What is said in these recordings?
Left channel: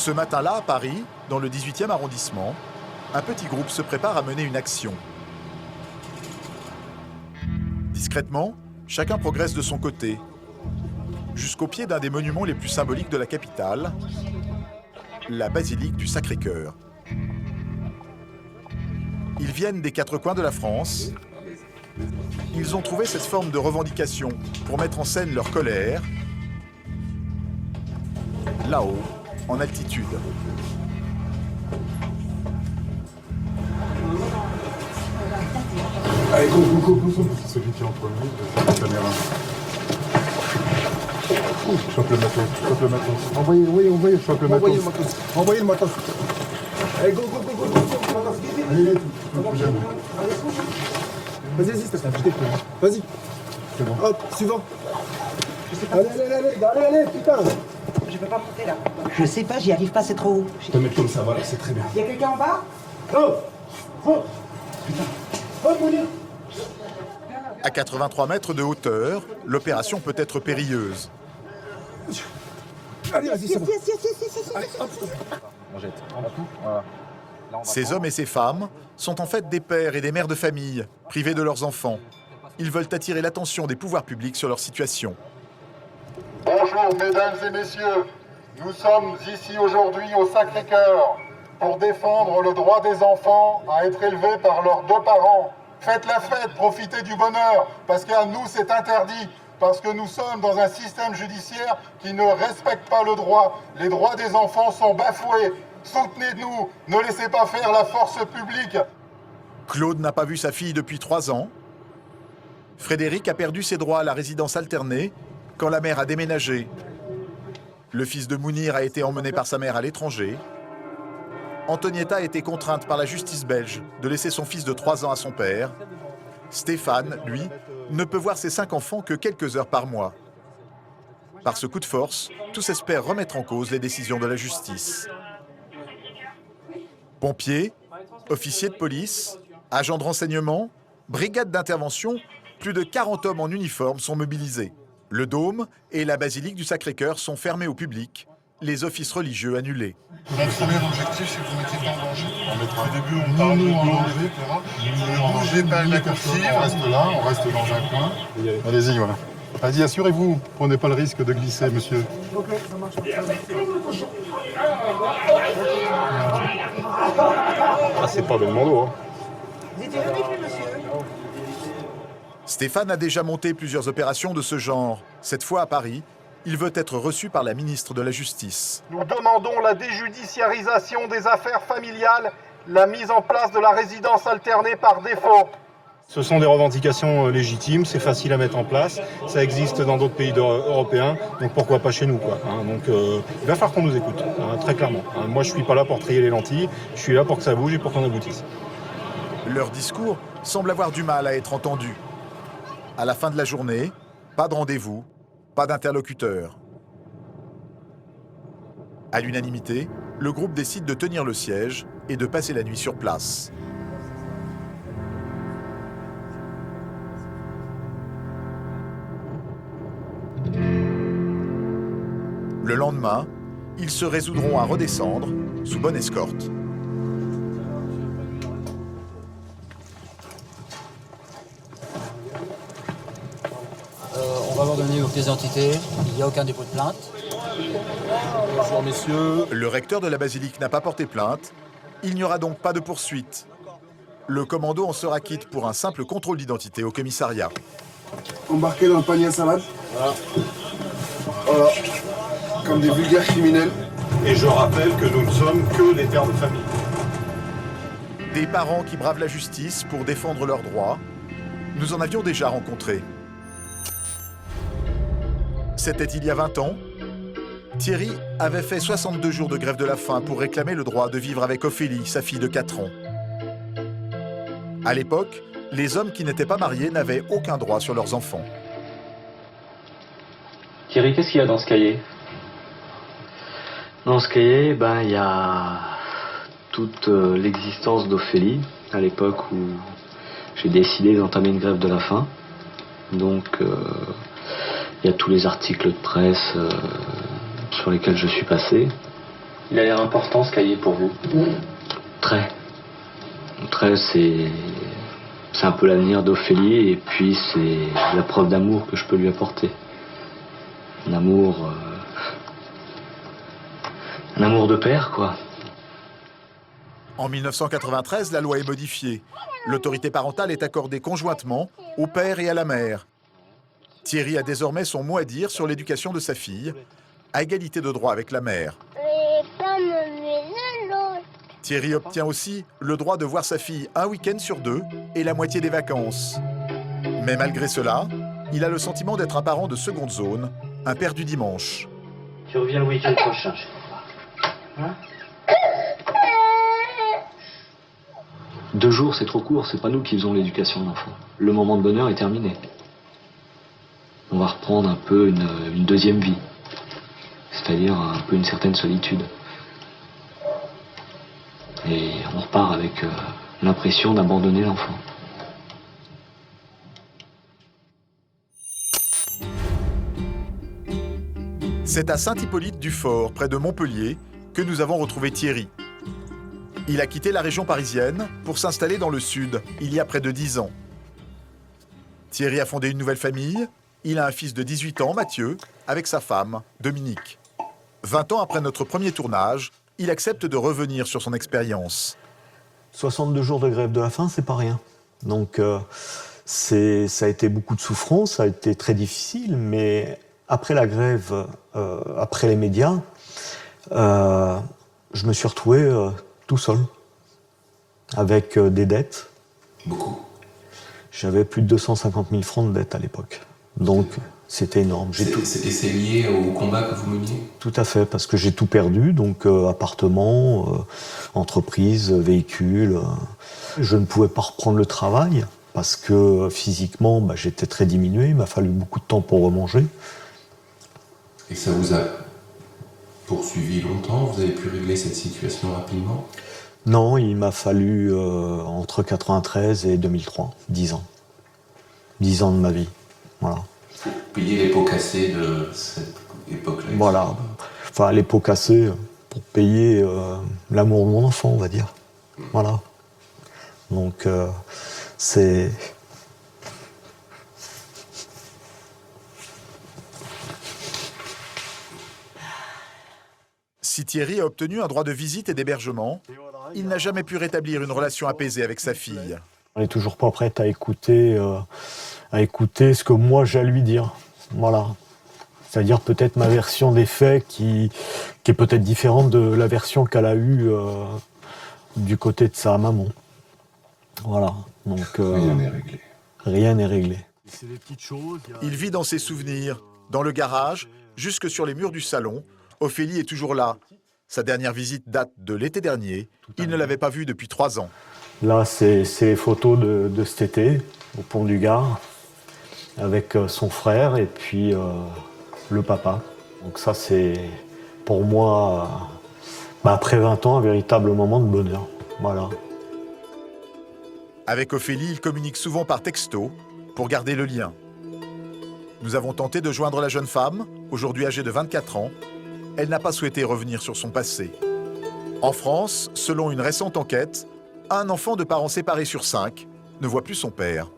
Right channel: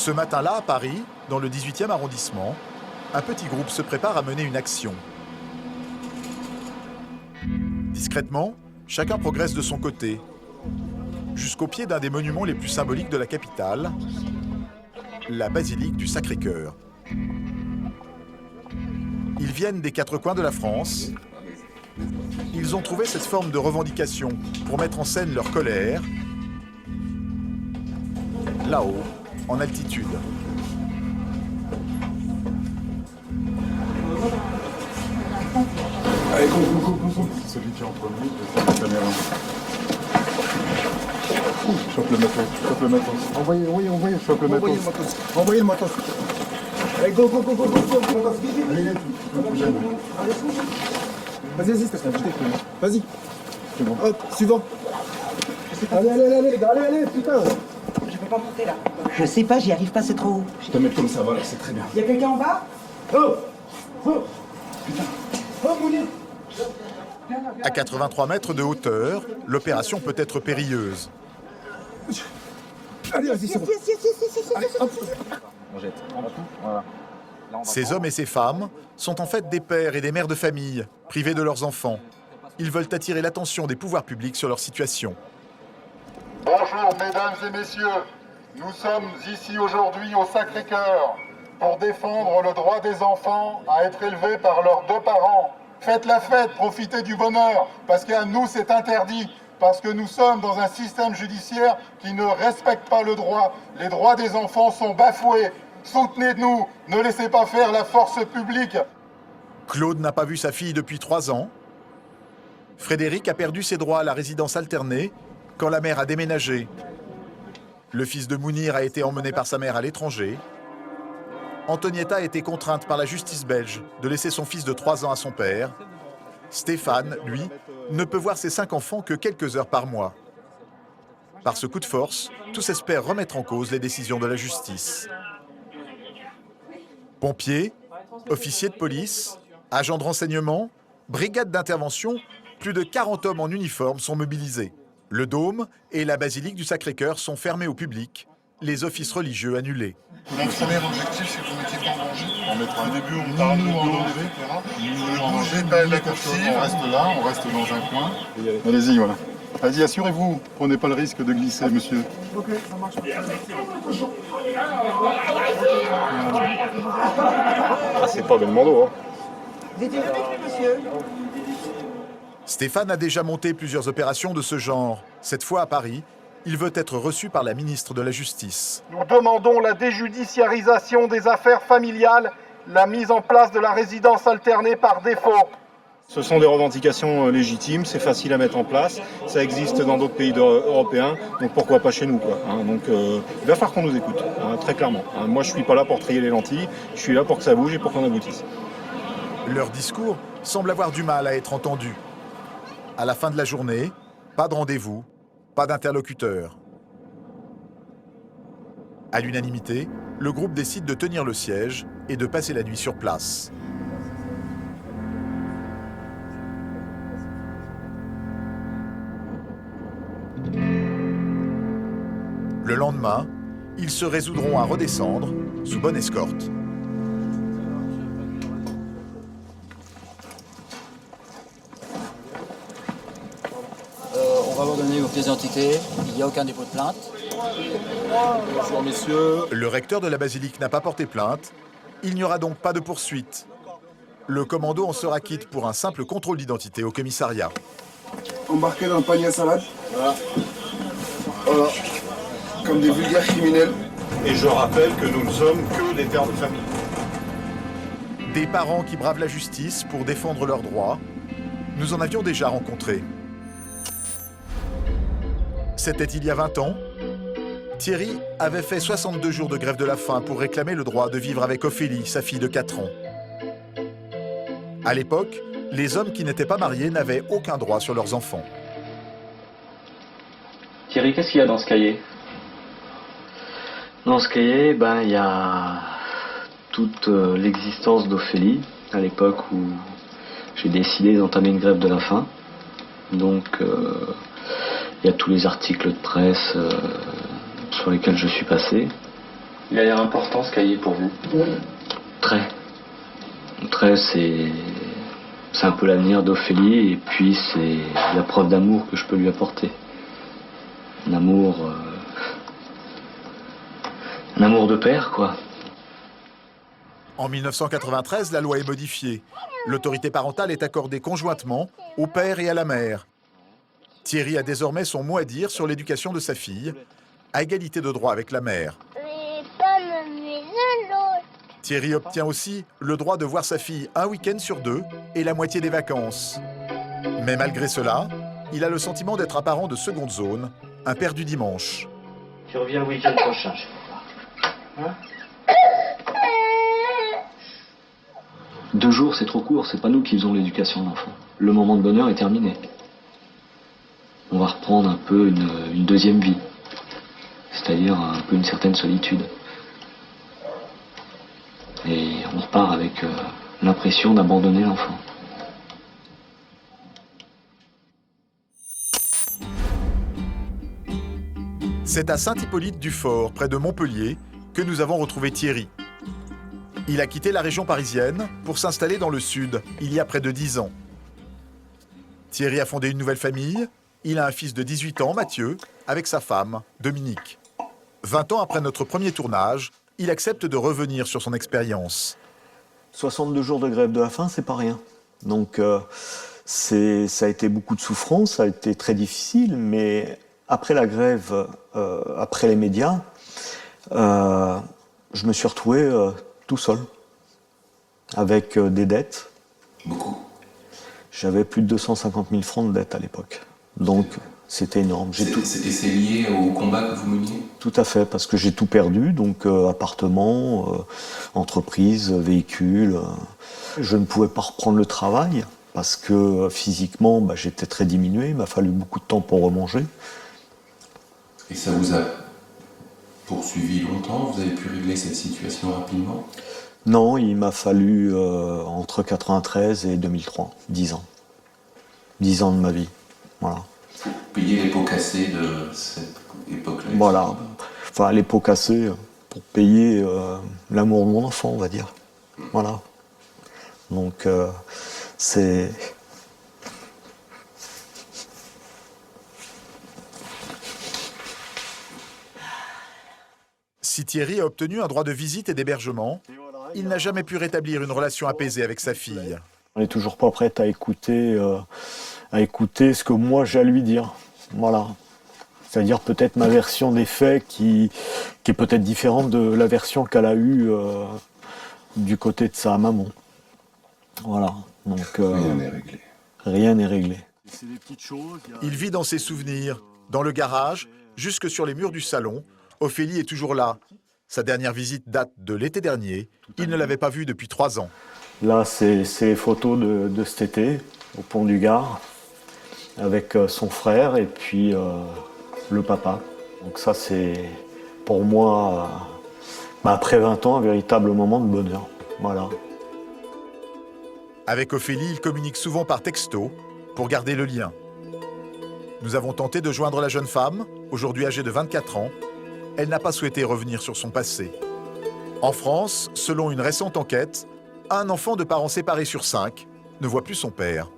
Ce matin-là, à Paris, dans le 18e arrondissement, un petit groupe se prépare à mener une action. Discrètement, chacun progresse de son côté, jusqu'au pied d'un des monuments les plus symboliques de la capitale, la basilique du Sacré-Cœur. Ils viennent des quatre coins de la France. Ils ont trouvé cette forme de revendication pour mettre en scène leur colère, là-haut, en altitude. Allez, go. Celui qui est en premier, je vais faire la caméra. Chope le matos. Envoyez, chope le matos. Envoyez le matos. Allez, go. Allez, tout jeune. Vas-y, Stéphane, je t'ai pris. Vas-y. C'est bon. Hop, suivant. Allez, putain. Je peux pas monter là. Je sais pas, j'y arrive pas, c'est trop haut. Je peux mettre comme ça, voilà, c'est très bien. Y a quelqu'un en bas? Putain. Mounir. À 83 mètres de hauteur, l'opération peut être périlleuse. Allez, vas-y, c'est bon. On jette en dessous, voilà. Là, on va Ces prendre. hommes et ces femmes sont en fait des pères et des mères de famille, privés de leurs enfants. Ils veulent attirer l'attention des pouvoirs publics sur leur situation. Bonjour mesdames et messieurs, nous sommes ici aujourd'hui au Sacré-Cœur pour défendre le droit des enfants à être élevés par leurs deux parents. Faites la fête, profitez du bonheur, parce qu'à nous c'est interdit, parce que nous sommes dans un système judiciaire qui ne respecte pas le droit. Les droits des enfants sont bafoués. Soutenez-nous, ne laissez pas faire la force publique. Claude n'a pas vu sa fille depuis 3 ans. Frédéric a perdu ses droits à la résidence alternée quand la mère a déménagé. Le fils de Mounir a été emmené par sa mère à l'étranger. Antonietta a été contrainte par la justice belge de laisser son fils de 3 ans à son père. Stéphane, lui, ne peut voir ses 5 enfants que quelques heures par mois. Par ce coup de force, tous espèrent remettre en cause les décisions de la justice. Pompiers, officiers de police, agents de renseignement, brigades d'intervention, plus de 40 hommes en uniforme sont mobilisés. Le dôme et la basilique du Sacré-Cœur sont fermés au public, les offices religieux annulés. Mon premier objectif, c'est que vous ne mettiez pas en danger. On mettra Au début, on parle de en dos, danger. etc. Ne bougez pas de la coursive. On reste là, on reste dans un coin. Allez-y, voilà. Allez-y, assurez-vous. Prenez pas le risque de glisser, monsieur. Ah, c'est pas Belmondo, hein. Vous étiez avec lui, monsieur? Stéphane a déjà monté plusieurs opérations de ce genre. Cette fois à Paris, il veut être reçu par la ministre de la Justice. Nous demandons la déjudiciarisation des affaires familiales, la mise en place de la résidence alternée par défaut. Ce sont des revendications légitimes, c'est facile à mettre en place, ça existe dans d'autres pays européens, donc pourquoi pas chez nous, quoi. Donc il va falloir qu'on nous écoute, très clairement. Moi je suis pas là pour trier les lentilles, je suis là pour que ça bouge et pour qu'on aboutisse. Leur discours semble avoir du mal à être entendu. À la fin de la journée, pas de rendez-vous, pas d'interlocuteur. À l'unanimité, le groupe décide de tenir le siège et de passer la nuit sur place. Le lendemain, ils se résoudront à redescendre sous bonne escorte. On va vous donner vos pièces d'identité, il n'y a aucun dépôt de plainte. Bonjour messieurs. Le recteur de la basilique n'a pas porté plainte. Il n'y aura donc pas de poursuite. Le commando en sera quitte pour un simple contrôle d'identité au commissariat. Embarqués dans le panier à salade. Voilà. Comme des vulgaires criminels. Et je rappelle que nous ne sommes que des pères de famille. Des parents qui bravent la justice pour défendre leurs droits. Nous en avions déjà rencontré. C'était il y a 20 ans. Thierry avait fait 62 jours de grève de la faim pour réclamer le droit de vivre avec Ophélie, sa fille de 4 ans. À l'époque, les hommes qui n'étaient pas mariés n'avaient aucun droit sur leurs enfants. Thierry, qu'est-ce qu'il y a dans ce cahier? Dans ce cahier, il y a toute l'existence d'Ophélie, à l'époque où j'ai décidé d'entamer une grève de la faim. Donc, il y a tous les articles de presse sur lesquels je suis passé. Il a l'air important ce cahier pour vous. Très. Très, c'est un peu l'avenir d'Ophélie et puis c'est la preuve d'amour que je peux lui apporter. Un amour de père, quoi. En 1993, la loi est modifiée. L'autorité parentale est accordée conjointement au père et à la mère. Thierry a désormais son mot à dire sur l'éducation de sa fille, à égalité de droit avec la mère. Thierry obtient aussi le droit de voir sa fille un week-end sur 2 et la moitié des vacances. Mais malgré cela, il a le sentiment d'être un parent de seconde zone, un père du dimanche. Tu reviens le week-end prochain, je crois. Hein? 2 jours, c'est trop court, c'est pas nous qui faisons l'éducation de l'enfant. Le moment de bonheur est terminé. On va reprendre un peu une deuxième vie, c'est-à-dire un peu une certaine solitude. Et on repart avec l'impression d'abandonner l'enfant. C'est à Saint-Hippolyte-du-Fort, près de Montpellier, que nous avons retrouvé Thierry. Il a quitté la région parisienne pour s'installer dans le sud, il y a près de 10 ans. Thierry a fondé une nouvelle famille. Il a un fils de 18 ans, Mathieu, avec sa femme, Dominique. 20 ans après notre premier tournage, il accepte de revenir sur son expérience. 62 jours de grève de la faim, c'est pas rien. Donc ça a été beaucoup de souffrance, ça a été très difficile, mais après la grève, après les médias, je me suis retrouvé tout seul, avec des dettes. Beaucoup. J'avais plus de 250 000 francs de dettes à l'époque. Donc c'était énorme. C'est lié au combat que vous meniez? Tout à fait, parce que j'ai tout perdu, donc appartement, entreprise, véhicule. Je ne pouvais pas reprendre le travail, parce que physiquement, j'étais très diminué, il m'a fallu beaucoup de temps pour remanger. Et ça vous a poursuivi longtemps? Vous avez pu régler cette situation rapidement? Non, il m'a fallu entre 93 et 2003, 10 ans. 10 ans de ma vie, voilà. Pour payer les pots cassés de cette époque-là? Voilà, enfin les pots cassés pour payer l'amour de mon enfant, on va dire. Voilà. Donc c'est... Si Thierry a obtenu un droit de visite et d'hébergement, il n'a jamais pu rétablir une relation apaisée avec sa fille. On n'est toujours pas prête à écouter ce que moi j'ai à lui dire. Voilà. C'est-à-dire peut-être ma version des faits qui est peut-être différente de la version qu'elle a eue du côté de sa maman. Voilà. Donc, rien n'est réglé. Rien n'est réglé. Il vit dans ses souvenirs, dans le garage, jusque sur les murs du salon. Ophélie est toujours là. Sa dernière visite date de l'été dernier. Il ne l'avait pas vue depuis 3 ans. Là, c'est les photos de cet été, au Pont du Gard, avec son frère et puis le papa. Donc ça, c'est pour moi, après 20 ans, un véritable moment de bonheur. Voilà. Avec Ophélie, il communique souvent par texto pour garder le lien. Nous avons tenté de joindre la jeune femme, aujourd'hui âgée de 24 ans. Elle n'a pas souhaité revenir sur son passé. En France, selon une récente enquête, un enfant de parents séparés sur 5 ne voit plus son père.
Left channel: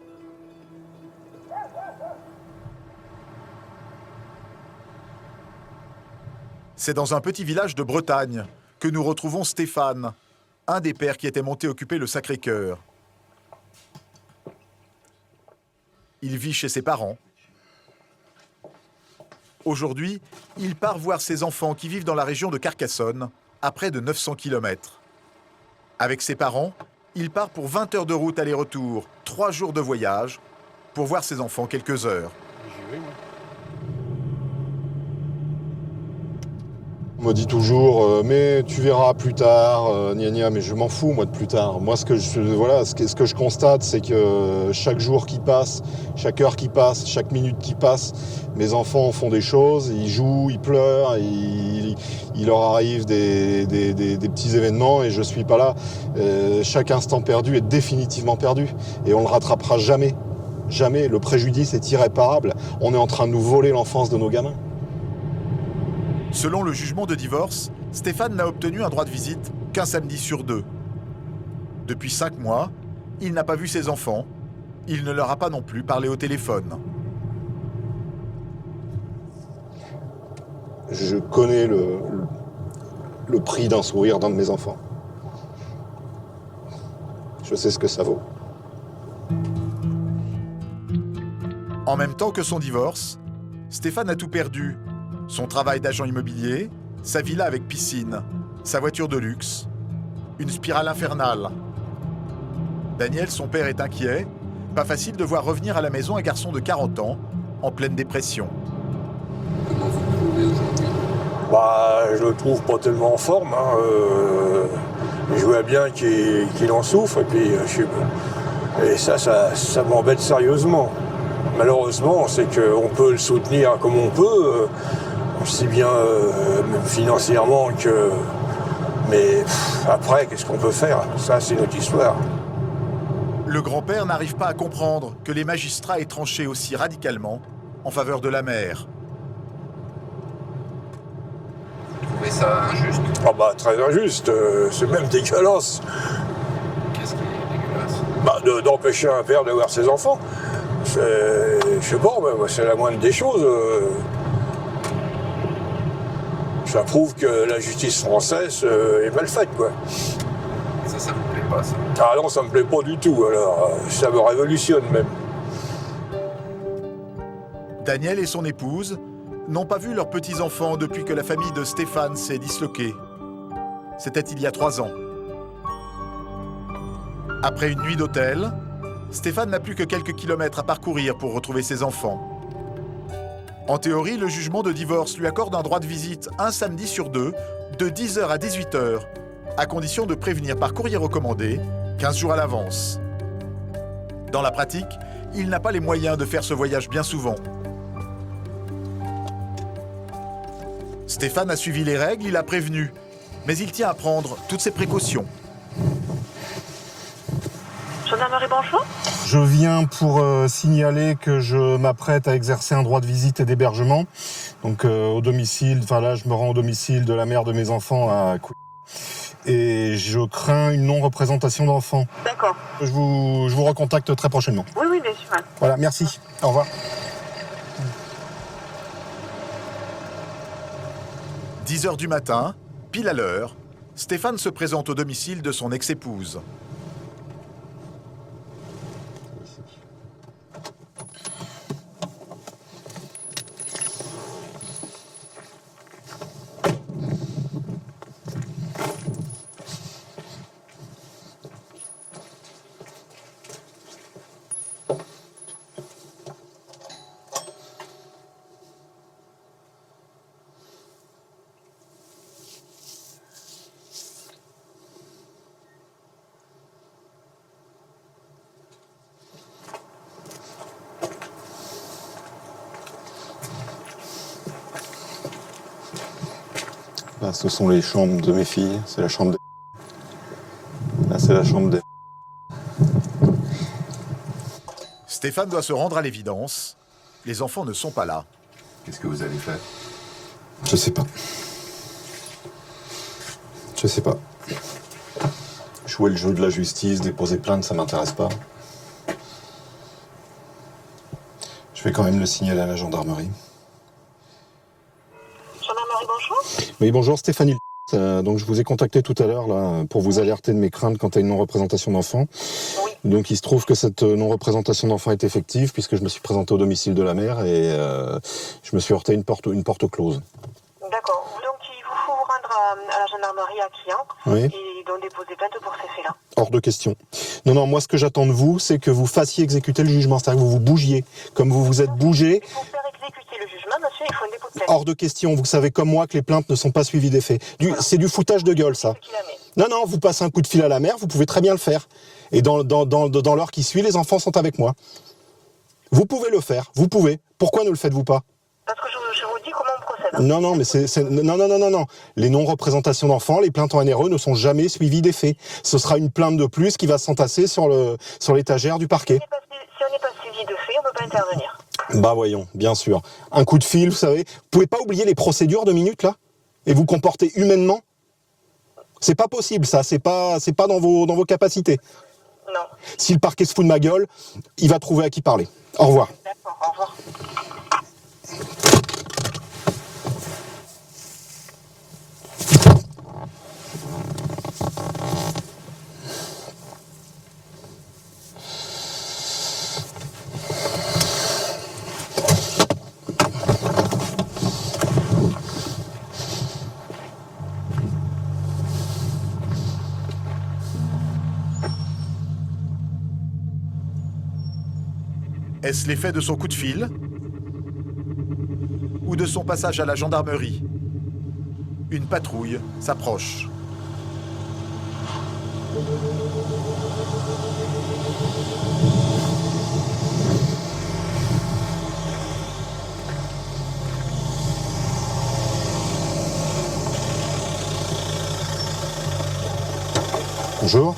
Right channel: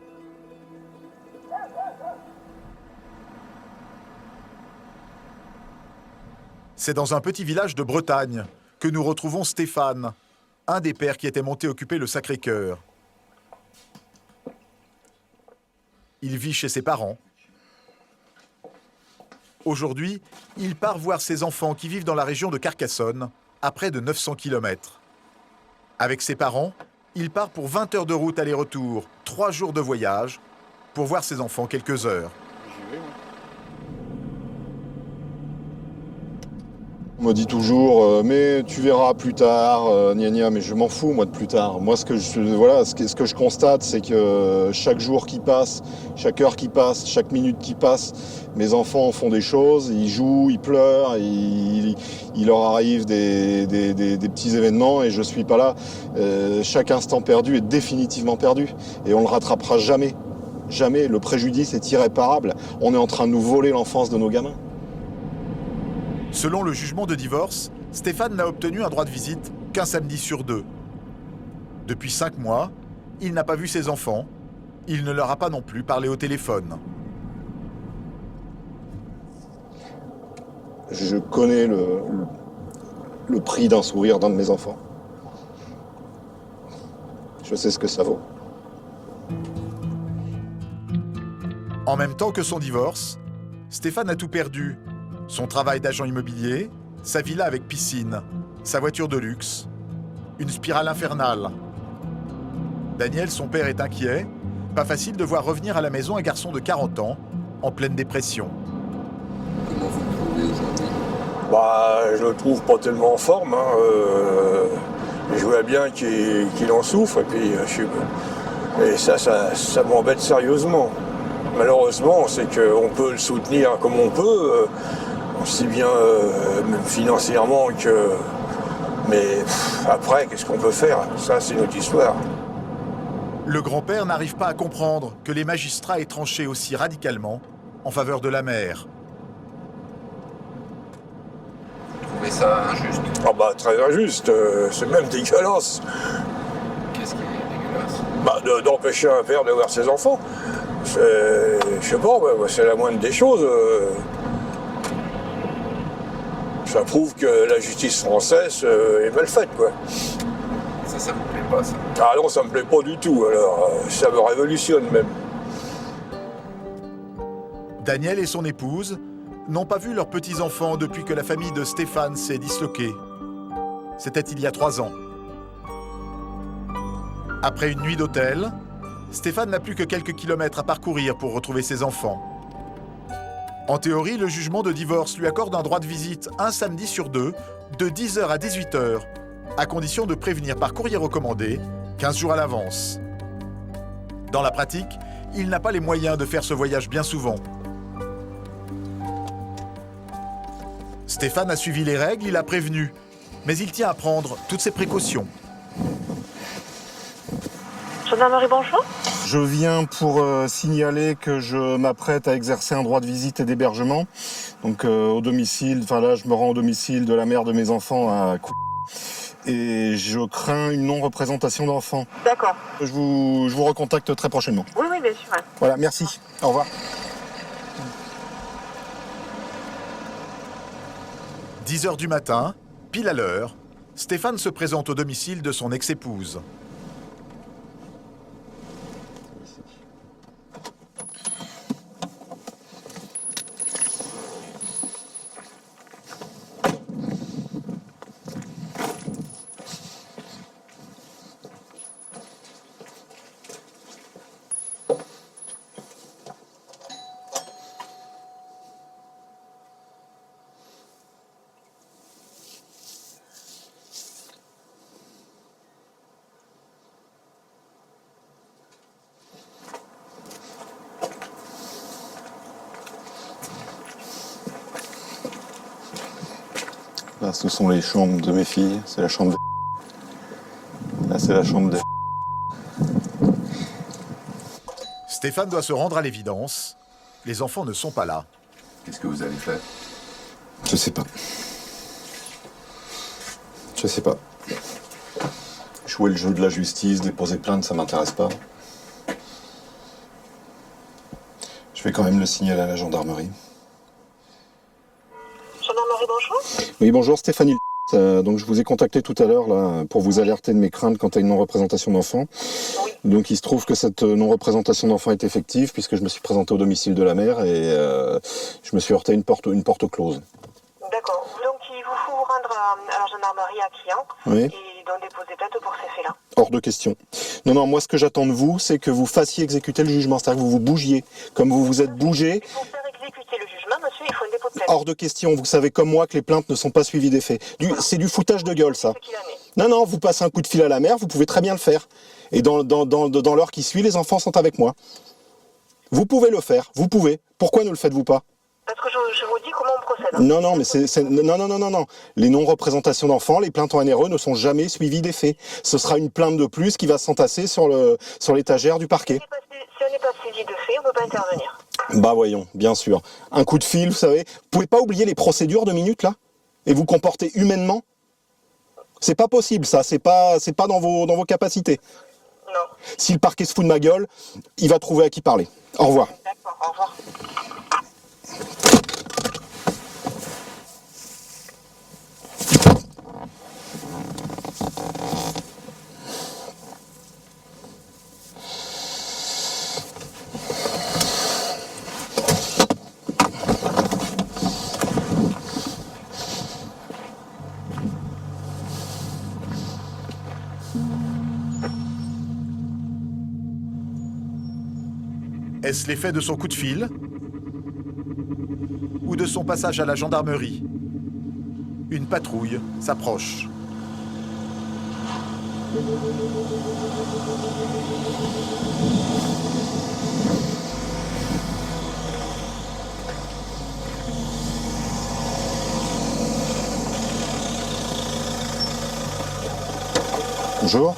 C'est dans un petit village de Bretagne que nous retrouvons Stéphane, un des pères qui était monté occuper le Sacré-Cœur. Il vit chez ses parents. Aujourd'hui, il part voir ses enfants qui vivent dans la région de Carcassonne, à près de 900 km. Avec ses parents, il part pour 20 heures de route aller-retour, 3 jours de voyage, pour voir ses enfants quelques heures. On me dit toujours, mais tu verras plus tard, gna gna, mais je m'en fous, moi, de plus tard. Moi, ce que je constate, c'est que chaque jour qui passe, chaque heure qui passe, chaque minute qui passe, mes enfants font des choses, ils jouent, ils pleurent, il leur arrive des petits événements et je ne suis pas là. Chaque instant perdu est définitivement perdu et on ne le rattrapera jamais. Jamais. Le préjudice est irréparable. On est en train de nous voler l'enfance de nos gamins. Selon le jugement de divorce, Stéphane n'a obtenu un droit de visite qu'un samedi sur 2. Depuis 5 mois, il n'a pas vu ses enfants. Il ne leur a pas non plus parlé au téléphone. Je connais le prix d'un sourire d'un de mes enfants. Je sais ce que ça vaut. En même temps que son divorce, Stéphane a tout perdu. Son travail d'agent immobilier, sa villa avec piscine, sa voiture de luxe, une spirale infernale. Daniel, son père, est inquiet. Pas facile de voir revenir à la maison un garçon de 40 ans, en pleine dépression. Comment vous le trouvez aujourd'hui? Je le trouve pas tellement en forme. Je vois bien qu'il en souffre et puis et ça m'embête sérieusement. Malheureusement, c'est qu'on peut le soutenir comme on peut, aussi bien même financièrement que... Mais après, qu'est-ce qu'on peut faire? Ça, c'est notre histoire. Le grand-père n'arrive pas à comprendre que les magistrats aient tranché aussi radicalement en faveur de la mère. Vous trouvez ça injuste? Très injuste, c'est même dégueulasse. Qu'est-ce qui est dégueulasse? D'empêcher un père de voir ses enfants. Je sais pas, c'est la moindre des choses. Ça prouve que la justice française est mal faite, quoi. Ça vous plaît pas, ça? Ah non, ça me plaît pas du tout, alors ça me révolutionne même. Daniel et son épouse n'ont pas vu leurs petits-enfants depuis que la famille de Stéphane s'est disloquée. C'était il y a 3 ans. Après une nuit d'hôtel, Stéphane n'a plus que quelques kilomètres à parcourir pour retrouver ses enfants. En théorie, le jugement de divorce lui accorde un droit de visite un samedi sur 2, de 10h à 18h, à condition de prévenir par courrier recommandé 15 jours à l'avance. Dans la pratique, il n'a pas les moyens de faire ce voyage bien souvent. Stéphane a suivi les règles, il a prévenu, mais il tient à prendre toutes ses précautions. Gendarmerie, bonjour. Je viens pour signaler que je m'apprête à exercer un droit de visite et d'hébergement. Donc au domicile, là je me rends au domicile de la mère de mes enfants à et je crains une non-représentation d'enfants. D'accord. Je vous recontacte très prochainement. Oui, oui, bien sûr. Voilà, merci. Au revoir. 10h du matin, pile à l'heure, Stéphane se présente au domicile de son ex-épouse. Là, ce sont les chambres de mes filles. C'est la chambre de... Là, c'est la chambre de... Stéphane doit se rendre à l'évidence. Les enfants ne sont pas là. Qu'est-ce que vous allez faire? Je sais pas. Je sais pas. Jouer le jeu de la justice, déposer plainte, ça m'intéresse pas. Je vais quand même le signaler à la gendarmerie. Gendarmerie, bonjour. Oui, bonjour Stéphanie. Donc je vous ai contacté tout à l'heure là pour vous alerter de mes craintes quant à une non-représentation d'enfants. Oui. Donc il se trouve que cette non-représentation d'enfants est effective puisque je me suis présenté au domicile de la mère et je me suis heurté à une porte close. D'accord. Donc il vous faut vous rendre à la gendarmerie à Quillan Oui. et donc déposer plainte pour ces faits-là. Hors de question. Non, moi ce que j'attends de vous, c'est que vous fassiez exécuter le jugement, c'est-à-dire que vous vous bougiez, comme vous vous êtes bougé. Pour faire exécuter le jugement, monsieur, il faut un dépôt de plainte. Hors de question, vous savez comme moi que les plaintes ne sont pas suivies des faits. C'est du foutage de gueule, ça. Non, vous passez un coup de fil à la mère, vous pouvez très bien le faire. Et dans l'heure qui suit, les enfants sont avec moi. Vous pouvez le faire, vous pouvez. Pourquoi ne le faites-vous pas? Parce que je vous dis comment on procède. Non, mais non. Les non-représentations d'enfants, les plaintes en NRE ne sont jamais suivies des faits. Ce sera une plainte de plus qui va s'entasser sur l'étagère du parquet. Si on n'est pas suivi de fait, on ne peut pas intervenir. Bah voyons, bien sûr. Un coup de fil, vous savez. Vous pouvez pas oublier les procédures 2 minutes, là? et vous comporter humainement? C'est pas possible, ça. C'est pas dans vos capacités. Non. Si le parquet se fout de ma gueule, il va trouver à qui parler. Au revoir. D'accord, au revoir. Est-ce l'effet de son coup de fil ou de son passage à la gendarmerie? Une patrouille s'approche. Bonjour.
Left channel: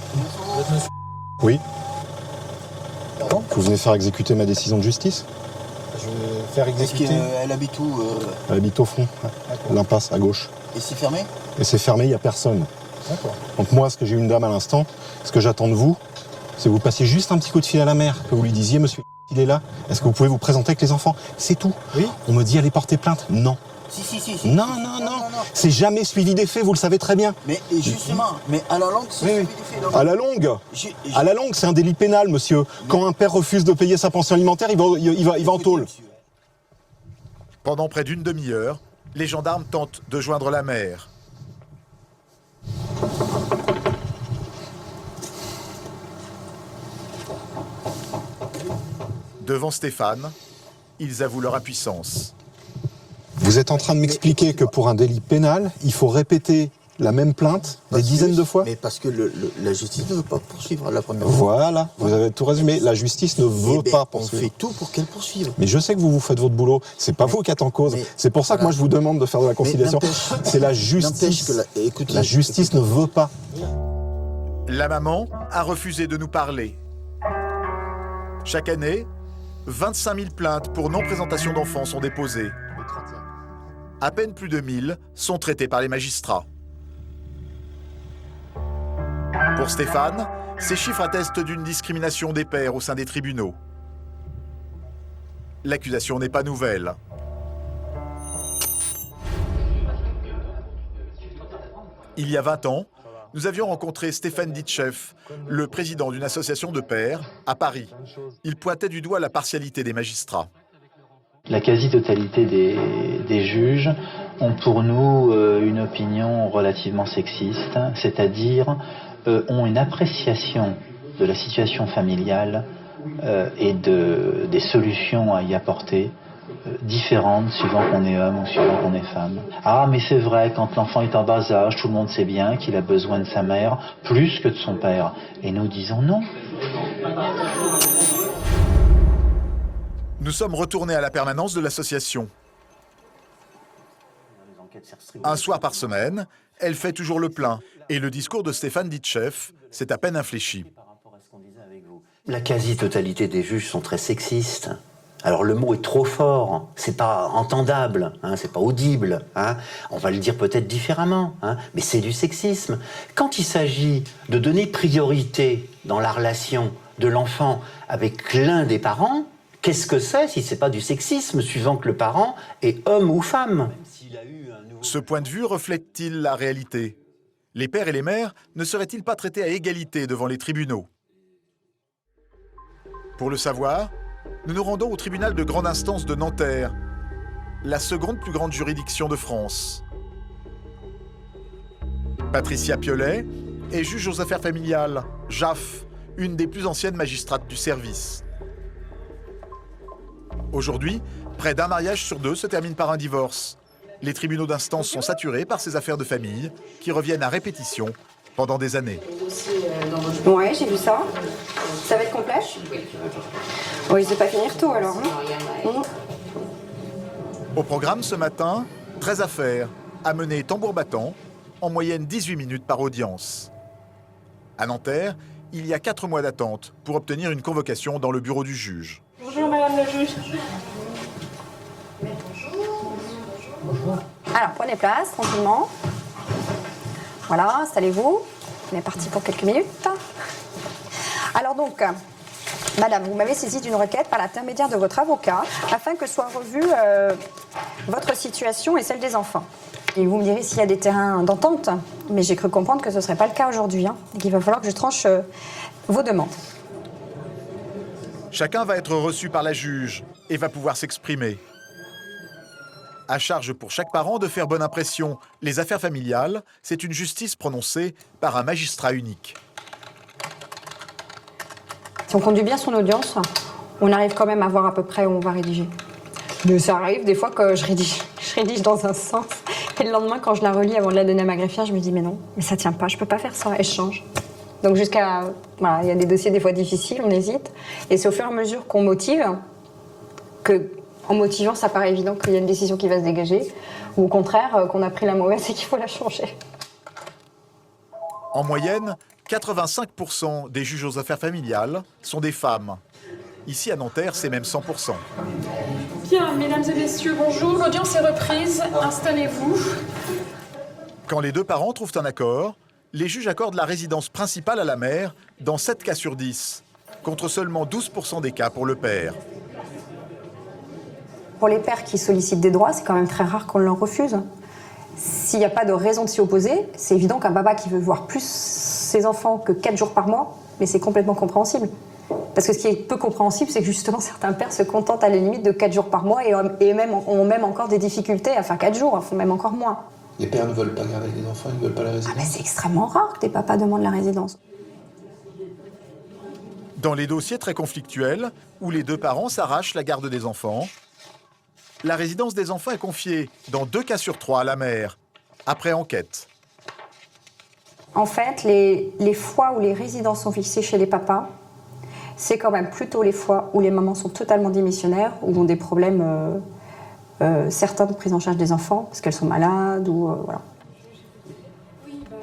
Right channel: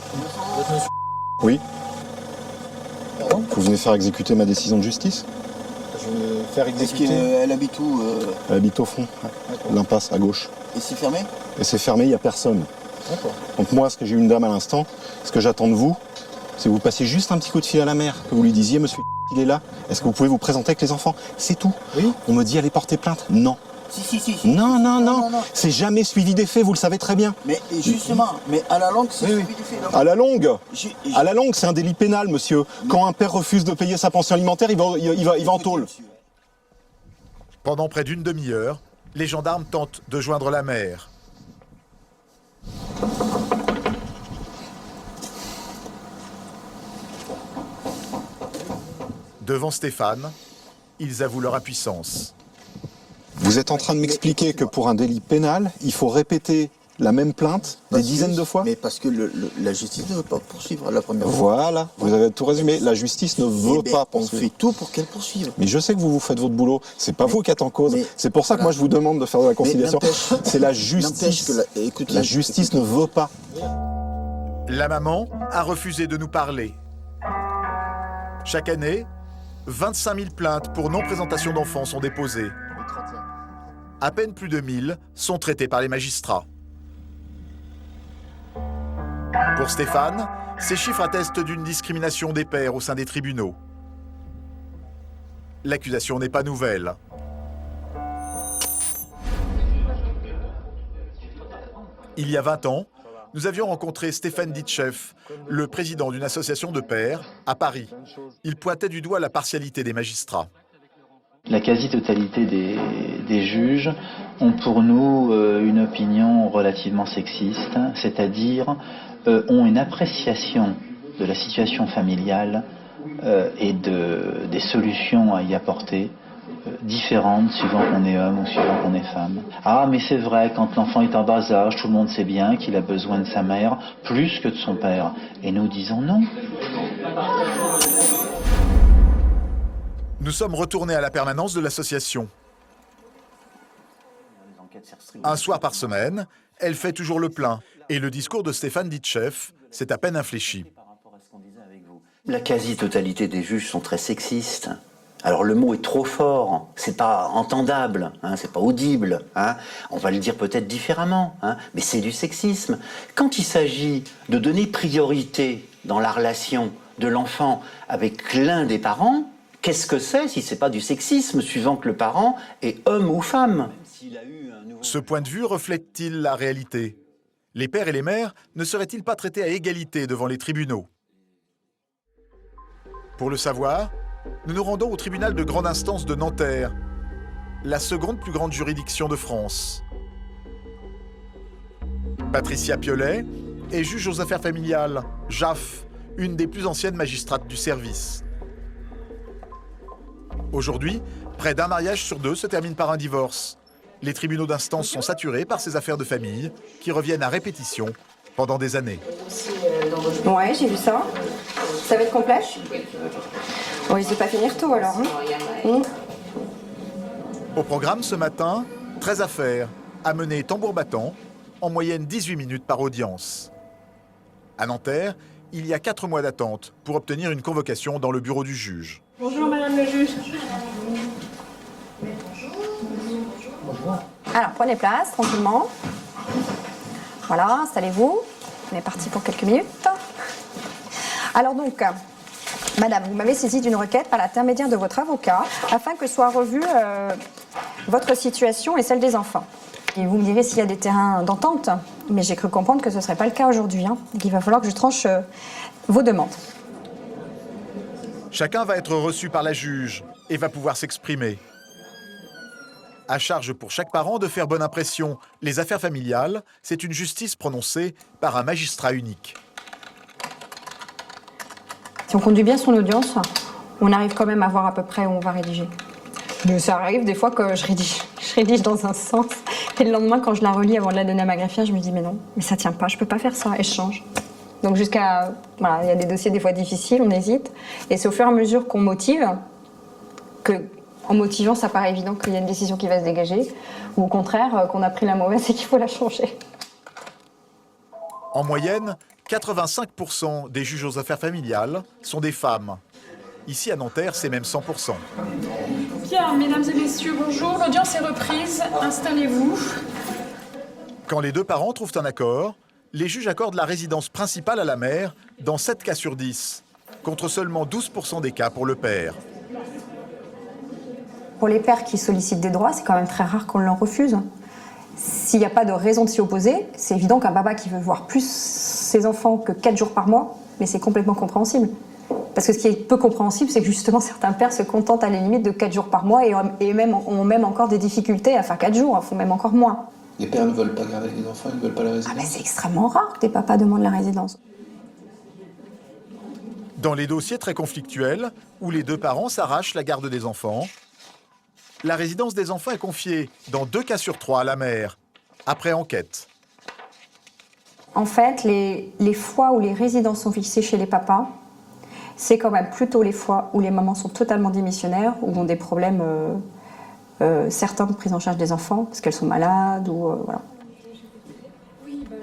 Oui. Vous venez faire exécuter ma décision de justice? Je vais faire exécuter. Elle habite où Elle habite au fond, l'impasse à gauche. Et c'est fermé? Et c'est fermé, il n'y a personne. D'accord. Donc moi, ce que j'ai eu une dame à l'instant, ce que j'attends de vous, c'est que vous passiez juste un petit coup de fil à la mère, que vous lui disiez, monsieur, il est là, est-ce que vous pouvez vous présenter avec les enfants? C'est tout. Oui. On me dit, allez porter plainte. Non. Si. Non. C'est jamais suivi des faits, vous le savez très bien. Mais justement, mais à la longue, c'est suivi des faits. À la longue, c'est un délit pénal, monsieur. Quand un père refuse de payer sa pension alimentaire, il va en tôle. Pendant près d'une demi-heure, les gendarmes tentent de joindre la mère. Devant Stéphane, ils avouent leur impuissance. Vous êtes en train de m'expliquer que pour un délit pénal, il faut répéter la même plainte des dizaines de fois? Mais parce que la justice ne veut pas poursuivre la première fois. Voilà, vous avez tout résumé. La justice ne veut pas poursuivre. On fait tout pour qu'elle poursuive. Mais je sais que vous faites votre boulot. C'est pas vous qui êtes en cause. C'est pour ça que moi je vous demande de faire de la conciliation. C'est la justice. La justice ne veut pas. La maman a refusé de nous parler. Chaque année, 25 000 plaintes pour non-présentation d'enfants sont déposées. À peine plus de 1000 sont traitées par les magistrats. Pour Stéphane, ces chiffres attestent d'une discrimination des pères au sein des tribunaux. L'accusation n'est pas nouvelle. Il y a 20 ans, nous avions rencontré Stéphane Ditcheff, le président d'une association de pères, à Paris. Il pointait du doigt la partialité des magistrats. La quasi-totalité des juges ont pour nous une opinion relativement sexiste, c'est-à-dire ont une appréciation de la situation familiale et des solutions à y apporter différentes suivant qu'on est homme ou suivant qu'on est femme. Ah, mais c'est vrai, quand l'enfant est en bas âge, tout le monde sait bien qu'il a besoin de sa mère plus que de son père. Et nous disons non. Nous sommes retournés à la permanence de l'association. Un soir par semaine, elle fait toujours le plein. Et le discours de Stéphane Ditcheff s'est à peine infléchi. La quasi-totalité des juges sont très sexistes. Alors le mot est trop fort, c'est pas entendable, hein, c'est pas audible. Hein. On va le dire peut-être différemment, hein, mais c'est du sexisme. Quand il s'agit de donner priorité dans la relation de l'enfant avec l'un des parents, qu'est-ce que c'est si c'est pas du sexisme, suivant que le parent est homme ou femme? Ce point de vue reflète-t-il la réalité? Les pères et les mères ne seraient-ils pas traités à égalité devant les tribunaux? Pour le savoir, nous nous rendons au tribunal de grande instance de Nanterre, la seconde plus grande juridiction de France. Patricia Piolet est juge aux affaires familiales, JAF, une des plus anciennes magistrates du service. Aujourd'hui, près d'un mariage sur deux se termine par un divorce. Les tribunaux d'instance sont saturés par ces affaires de famille qui reviennent à répétition pendant des années. Ouais, j'ai vu ça. Ça va être complet? On risque de pas finir tôt alors. Hein. Au programme ce matin, 13 affaires, à mener tambour battant, en moyenne 18 minutes par audience. À Nanterre, il y a 4 mois d'attente pour obtenir une convocation dans le bureau du juge. Bonjour madame le juge. Bonjour. Alors, prenez place, tranquillement. Voilà, installez-vous. On est parti pour quelques minutes. Alors donc, madame, vous m'avez saisi d'une requête par l'intermédiaire de votre avocat afin que soit revue votre situation et celle des enfants. Et vous me direz s'il y a des terrains d'entente, mais j'ai cru comprendre que ce ne serait pas le cas aujourd'hui. Donc il va falloir que je tranche vos demandes. Chacun va être reçu par la juge et va pouvoir s'exprimer. À charge pour chaque parent de faire bonne impression. Les affaires familiales, c'est une justice prononcée par un magistrat unique. Si on conduit bien son audience, on arrive quand même à voir à peu près où on va rédiger. Mais ça arrive des fois que je rédige dans un sens. Et le lendemain, quand je la relis avant de la donner à ma greffière, je me dis mais non, mais ça tient pas, je peux pas faire ça, et je change. Donc jusqu'à... Voilà, il y a des dossiers des fois difficiles, on hésite. Et c'est au fur et à mesure qu'on motive, que en motivant, ça paraît évident qu'il y a une décision qui va se dégager, ou au contraire, qu'on a pris la mauvaise et qu'il faut la changer. En moyenne, 85% des juges aux affaires familiales sont des femmes. Ici à Nanterre, c'est même 100%. Bien, mesdames et messieurs, bonjour. L'audience est reprise. Installez-vous. Quand les deux parents trouvent un accord, les juges accordent la résidence principale à la mère dans 7 cas sur 10, contre seulement 12% des cas pour le père. Pour les pères qui sollicitent des droits, c'est quand même très rare qu'on leur refuse. S'il n'y a pas de raison de s'y opposer, c'est évident qu'un papa qui veut voir plus ses enfants que 4 jours par mois, mais c'est complètement compréhensible. Parce que ce qui est peu compréhensible, c'est que justement certains pères se contentent à la limite de 4 jours par mois et ont même encore des difficultés à faire 4 jours, font même encore moins. Les pères ne veulent pas garder les enfants, ils ne veulent pas la résidence. C'est extrêmement rare que des papas demandent la résidence. Dans les dossiers très conflictuels, où les deux parents s'arrachent la garde des enfants, la résidence des enfants est confiée, dans 2 cas sur 3, à la mère, après enquête. En fait, les fois où les résidences sont fixées chez les papas, c'est quand même plutôt les fois où les mamans sont totalement démissionnaires, ou ont des problèmes, certains de prise en charge des enfants, parce qu'elles sont malades, ou voilà.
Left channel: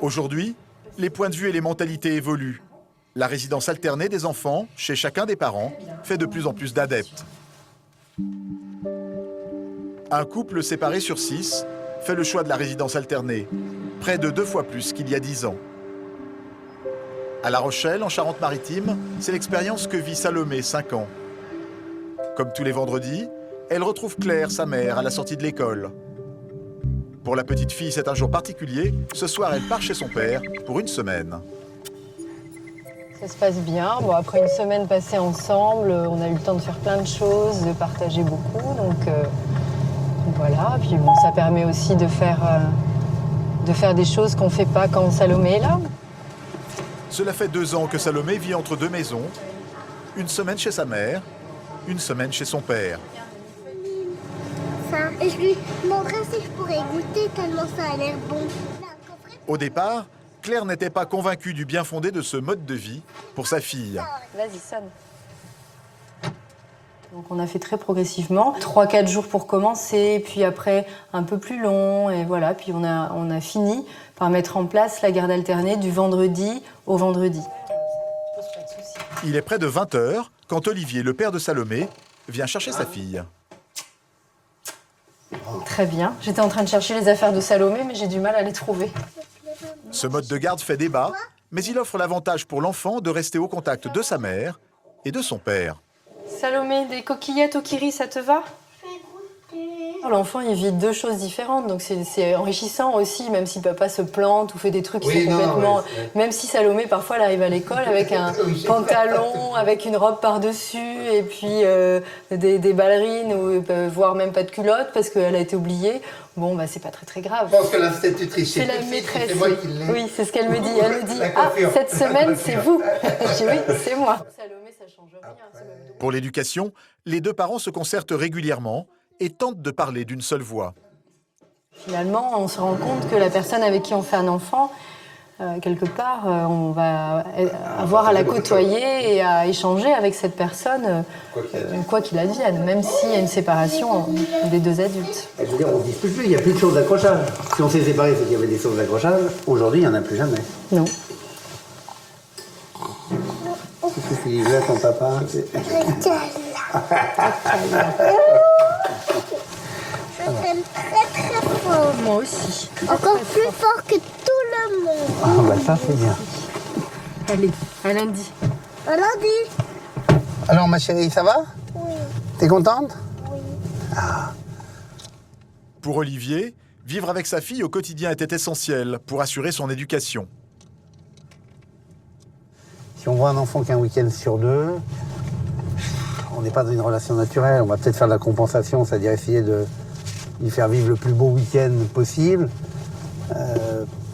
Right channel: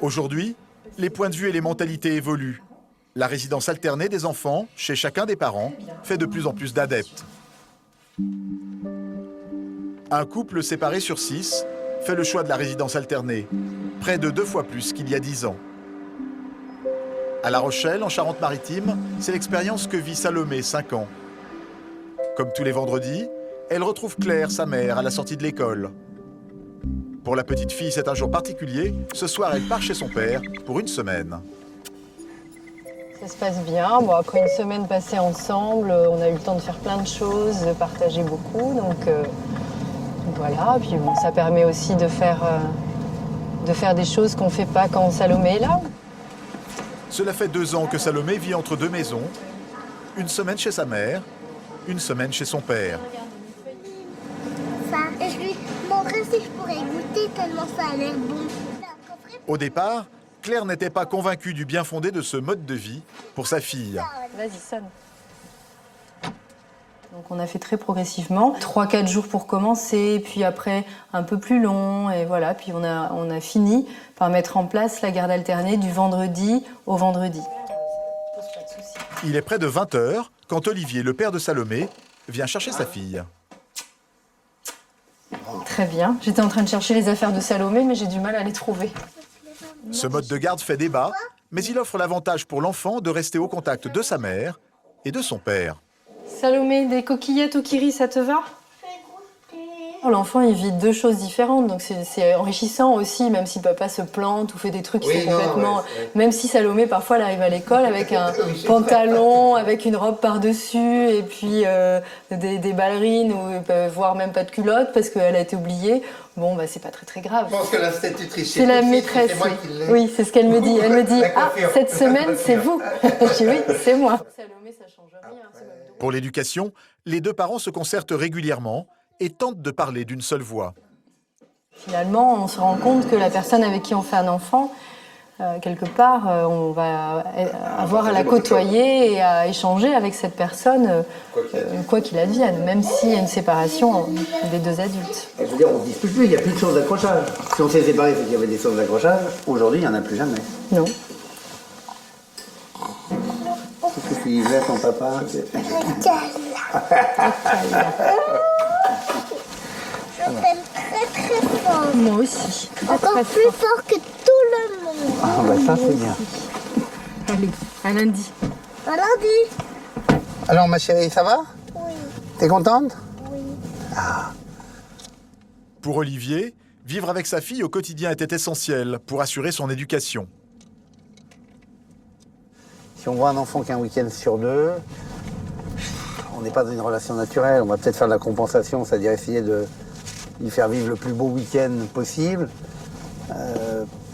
Aujourd'hui, les points de vue et les mentalités évoluent. La résidence alternée des enfants, chez chacun des parents, fait de plus en plus d'adeptes. Un couple séparé sur 6 fait le choix de la résidence alternée, près de 2 fois plus qu'il y a 10 ans. À La Rochelle, en Charente-Maritime, c'est l'expérience que vit Salomé, 5 ans. Comme tous les vendredis, elle retrouve Claire, sa mère, à la sortie de l'école. Pour la petite fille, c'est un jour particulier. Ce soir, elle part chez son père pour une semaine. Ça se passe bien. Bon, après une semaine passée ensemble, on a eu le temps de faire plein de choses, de partager beaucoup. Donc voilà. Puis bon, ça permet aussi de faire des choses qu'on ne fait pas quand Salomé est là. Cela fait 2 ans que Salomé vit entre 2 maisons. Une semaine chez sa mère, une semaine chez son père. Et je lui demanderais si je pourrais goûter tellement ça a l'air bon. Au départ, Claire n'était pas convaincue du bien fondé de ce mode de vie pour sa fille. Vas-y, sonne. Donc on a fait très progressivement, 3-4 jours pour commencer, puis après un peu plus long, et voilà. Puis on a fini par mettre en place la garde alternée du vendredi au vendredi. Il est près de 20h quand Olivier, le père de Salomé, vient chercher sa fille. Très bien. J'étais en train de chercher les affaires de Salomé, mais j'ai du mal à les trouver. Ce mode de garde fait débat, mais il offre l'avantage pour l'enfant de rester au contact de sa mère et de son père. Salomé, des coquillettes au kiri, ça te va? L'enfant, il vit 2 choses différentes, donc c'est enrichissant aussi, même si papa se plante ou fait des trucs qui sont complètement... Même si Salomé, parfois, elle arrive à l'école avec un pantalon, avec une robe par-dessus, et puis des ballerines, ou voire même pas de culotte, parce qu'elle a été oubliée. Bon, bah, c'est pas très grave. Je pense que l'institutrice, c'est la maîtresse. C'est moi qui l'ai. Oui, c'est ce qu'elle me dit. Elle me dit, ah, cette semaine, c'est vous. Je dis, oui, c'est moi. Salomé, ça change rien. Pour l'éducation, les 2 parents se concertent régulièrement et tentent de parler d'une seule voix. Finalement, on se rend compte que la personne avec qui on fait un enfant, quelque part, on va avoir à la côtoyer et à échanger avec cette personne, quoi qu'il advienne, même s'il y a une séparation des 2 adultes. Je veux dire, on ne dispute plus, il n'y a plus de choses d'accrochage. Si on s'est séparés, c'est qu'il y avait des choses d'accrochage. Aujourd'hui, il n'y en a plus jamais. Non. Qu'est-ce qu'il veut, ton papa? Je t'aime très fort. moi aussi. Encore plus fort que tout le monde. Ah bah ça c'est bien. Allez, à lundi. À lundi. Alors ma chérie, ça va? Oui. T'es contente? Oui. Pour Olivier, vivre avec sa fille au quotidien était essentiel pour assurer son éducation. Si on voit un enfant qu'un week-end sur deux, on n'est pas dans une relation naturelle. On va peut-être faire de la compensation, c'est-à-dire essayer de lui faire vivre le plus beau week-end possible,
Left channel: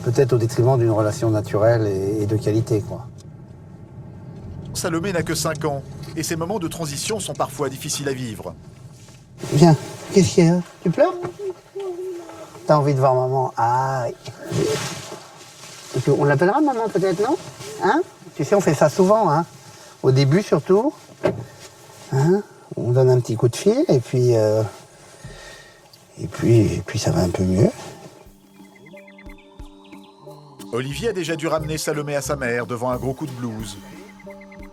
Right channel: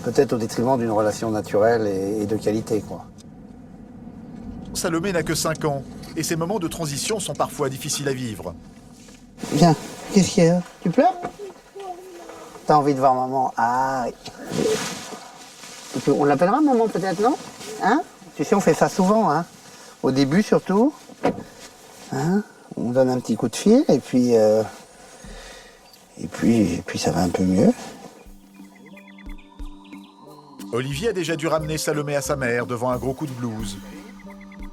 peut-être au détriment d'une relation naturelle et de qualité, quoi. Salomé n'a que 5 ans et ces moments de transition sont parfois difficiles à vivre. Viens, qu'est-ce qu'il y a? Tu pleures? T'as envie de voir maman? Ah, oui. Et puis, on l'appellera maman peut-être, non? Hein? Tu sais, on fait ça souvent, hein? Au début surtout. Hein? On donne un petit coup de fil et puis ça va un peu mieux. Olivier a déjà dû ramener Salomé à sa mère devant un gros coup de blues.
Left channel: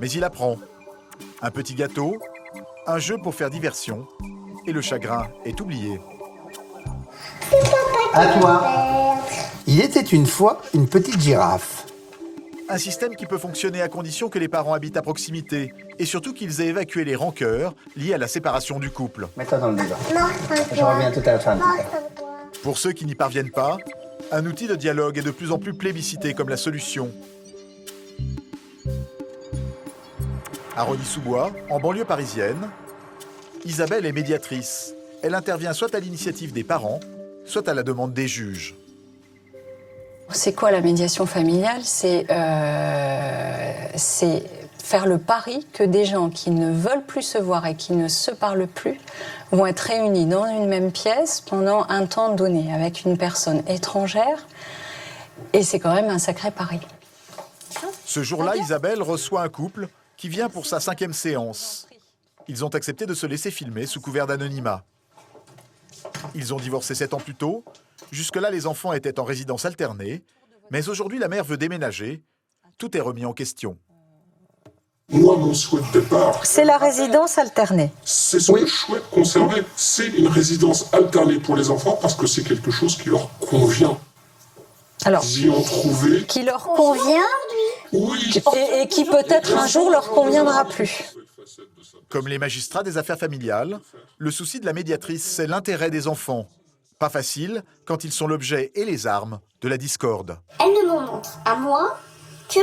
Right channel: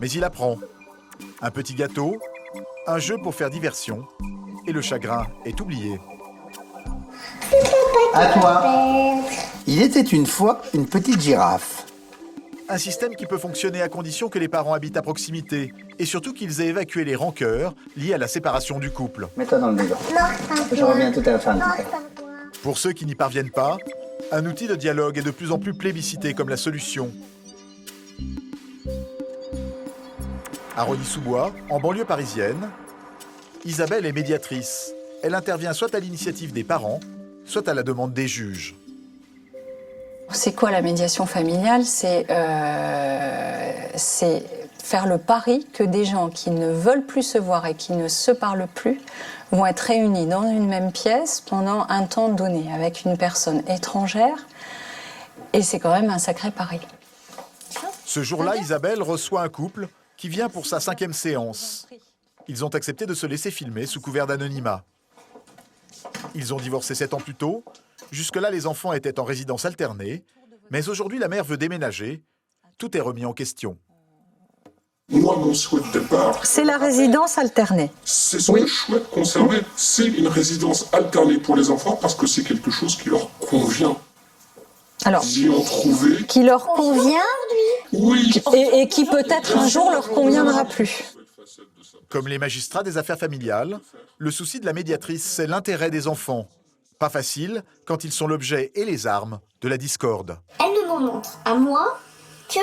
Mais il apprend. Un petit gâteau, un jeu pour faire diversion, et le chagrin est oublié. À toi. Il était une fois une petite girafe. Un système qui peut fonctionner à condition que les parents habitent à proximité, et surtout qu'ils aient évacué les rancœurs liées à la séparation du couple. Mets-toi dans le débat. Non, Je reviens tout à la fin. Pour ceux qui n'y parviennent pas, un outil de dialogue est de plus en plus plébiscité comme la solution. À Rosny-sous-Bois, en banlieue parisienne, Isabelle est médiatrice. Elle intervient soit à l'initiative des parents, soit à la demande des juges. C'est quoi la médiation familiale? C'est faire le pari que des gens qui ne veulent plus se voir et qui ne se parlent plus vont être réunis dans une même pièce pendant un temps donné avec une personne étrangère. Et c'est quand même un sacré pari. Ce jour-là, Isabelle reçoit un couple qui vient pour sa 5e séance. Ils ont accepté de se laisser filmer sous couvert d'anonymat. Ils ont divorcé 7 ans plus tôt. Jusque-là, les enfants étaient en résidence alternée. Mais aujourd'hui, la mère veut déménager. Tout est remis en question. Moi, mon souhait de départ... C'est la résidence alternée. C'est ce que je souhaite conserver. C'est une résidence alternée pour les enfants parce que c'est quelque chose qui leur convient. Alors, ils y ont trouvé... Qui leur convient, oui. Et qui peut-être un jour leur conviendra plus. Comme les magistrats des affaires familiales, le souci de la médiatrice, c'est l'intérêt des enfants. Pas facile quand ils sont l'objet et les armes de la discorde. Elle ne m'en montre à moi que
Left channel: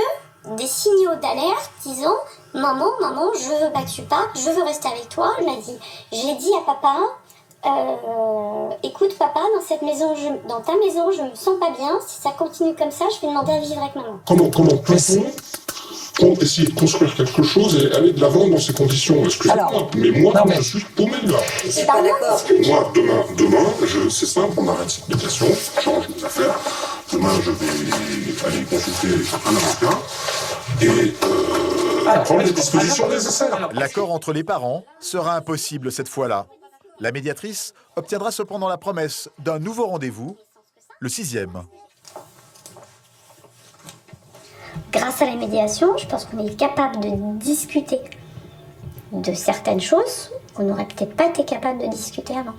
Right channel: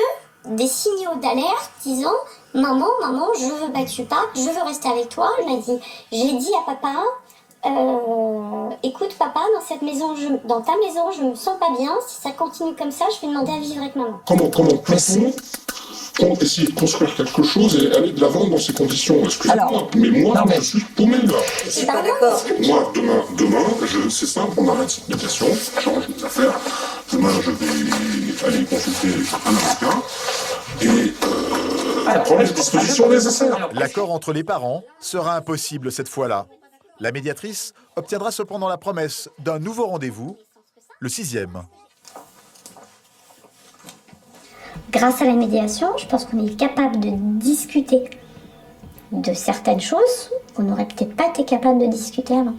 des signaux d'alerte disant « Maman, je veux pas que tu partes, je veux rester avec toi. » Elle m'a dit « J'ai dit à papa, écoute papa, dans ta maison, je me sens pas bien. Si ça continue comme ça, je vais demander à vivre avec maman. » Comment peut-on essayer de construire quelque chose et aller de l'avant dans ces conditions? Excusez-moi, mais moi, je suis paumé là. Je suis pas d'accord. Moi, demain, c'est simple, on arrête cette médiation, je change mes affaires. Demain, je vais aller consulter un avocat et prendre les dispositions nécessaires. L'accord entre les parents sera impossible cette fois-là. La médiatrice obtiendra cependant la promesse d'un nouveau rendez-vous, le 6e. Grâce à la médiation, je pense qu'on est capable de discuter de certaines choses qu'on n'aurait peut-être pas été capable de discuter avant.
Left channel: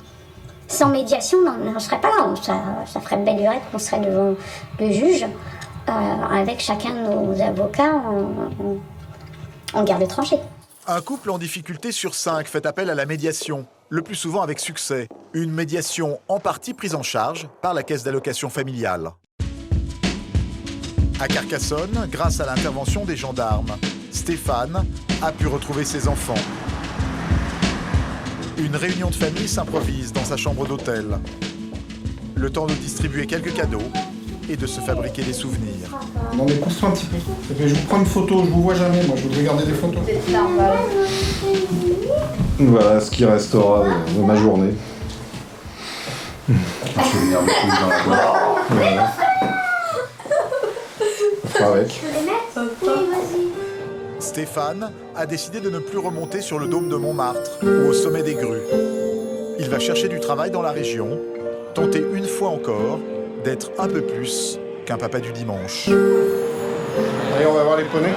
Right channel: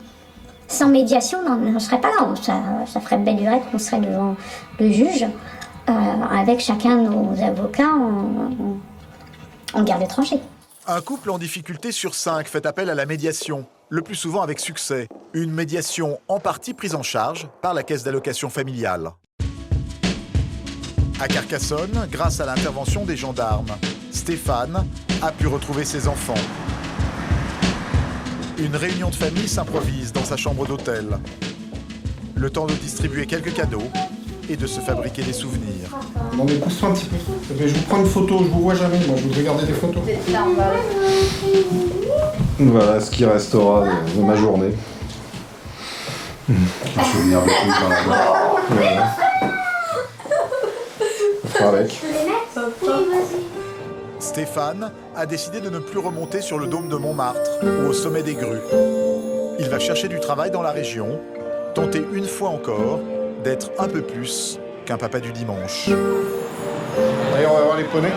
Sans médiation, on n'en serait pas là. Ça ferait belle lurette qu'on serait devant le juge avec chacun de nos avocats en garde étrangère. Un couple en difficulté sur 5 fait appel à la médiation, le plus souvent avec succès. Une médiation en partie prise en charge par la caisse d'allocation familiale. À Carcassonne, grâce à l'intervention des gendarmes, Stéphane a pu retrouver ses enfants. Une réunion de famille s'improvise dans sa chambre d'hôtel. Le temps de distribuer quelques cadeaux et de se fabriquer des souvenirs. Non mais pousse-toi un petit peu. Je vous prends une photo, je vous vois jamais, moi je veux regarder des photos. C'est normal. Voilà ce qui restera de ma journée. Un souvenir de plus dans la boîte. Voilà. On fera avec. Stéphane a décidé de ne plus remonter sur le dôme de Montmartre ou au sommet des Grues. Il va chercher du travail dans la région, tenter une fois encore d'être un peu plus qu'un papa du dimanche. Allez, on va voir les poneys.